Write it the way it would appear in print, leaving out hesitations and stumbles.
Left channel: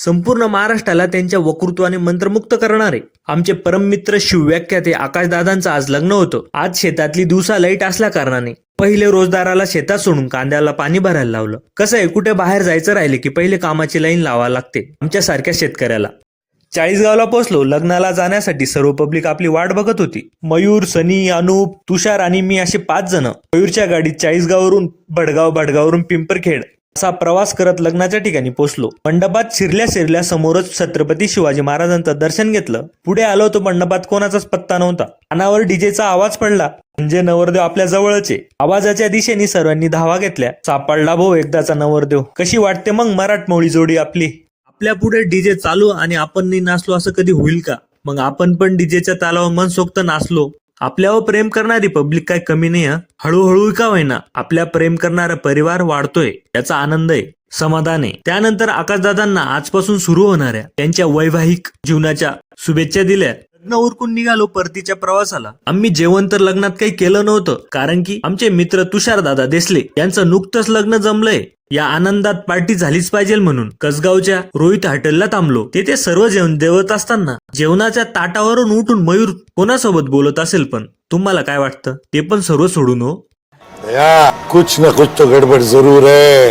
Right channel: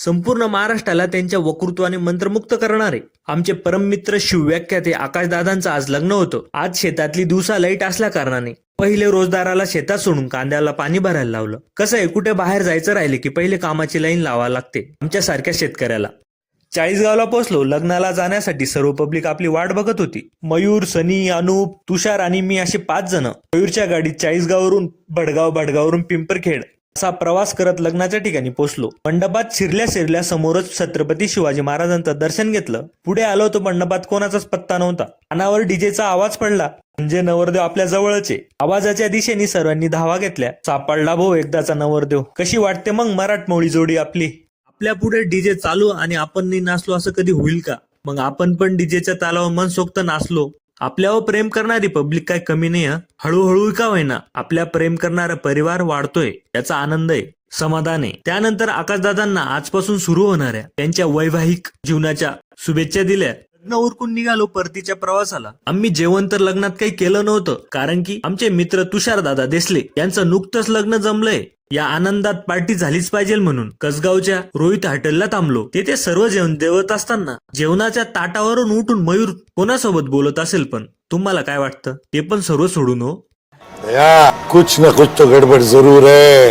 संपूर्ण महाराष्ट्राला त्यांच्या वक्तृत्वाने मंत्रमुक्त करणारे आमचे परममित्र शिवव्याख्याते आकाशदादांचं आज लग्न होतं. आज शेतातली दिवसा लाईट असल्या कारणाने पहिले रोजदाराला शेतात सोडून कांद्याला पाणी भरायला लावलं. कसं आहे, कुठे बाहेर जायचं राहिले की पहिले कामाची लाईन लावा लागते आमच्या सारख्या शेतकऱ्याला. 40गावला पोहोचलो. लग्नाला जाण्यासाठी सर्व पब्लिक आपली वाट बघत होती. मयूर, सनी, अनुप, तुषार आणि मी असे 5 जण मयूरच्या गाडीत 40गावरून भडगाववरून पिंपरखेड असा प्रवास करत लग्नाच्या ठिकाणी पोहोचलो. मंडपात शिरल्या समोरच छत्रपती शिवाजी महाराजांचं दर्शन घेतलं. पुढे आलो तो मंडपात कोणाचाच पत्ता नव्हता. कानावर डीजेचा आवाज पडला. म्हणजे नवरदेव आपल्या जवळचे. आवाजाच्या दिशेने सर्वांनी धावा घेतल्या. सापडला भाऊ एकदाचा नवरदेव. कशी वाटते मग मराठमोळी जोडी आपली. आपल्या पुढे डीजे चालू आणि आपण नाही नाचलो असं कधी होईल का? मग आपण पण डीजेच्या तालावर मनसोक्त नाचलो. आपल्यावर प्रेम करणारी पब्लिक काय कमी नाही. हळूहळू का होईना आपल्या प्रेम करणारा परिवार वाढतोय, याचा आनंद आहे, समाधान आहे. त्यानंतर आकाशदादांना आजपासून सुरू होणाऱ्या त्यांच्या वैवाहिक जीवनाच्या शुभेच्छा दिल्या. लग्न उरकून निघालो परतीच्या प्रवासाला. आम्ही जेवण तर लग्नात काही केलं नव्हतं, कारण की आमचे मित्र तुषारदादा देसले यांचं नुकतंच लग्न जमलंय. या आनंदात पार्टी झालीच पाहिजे म्हणून कसगावच्या रोहित हॉटेलला थांबलो. तेथे सर्व जेवण जेवत असताना जेवणाच्या ताटावरून उठून मयूर कोणासोबत बोलत असेल, पण तुम्हाला काय वाटतं? ते पण सर्व सोडून हो, कुछ ना कुछ तो गडबड जरूर है.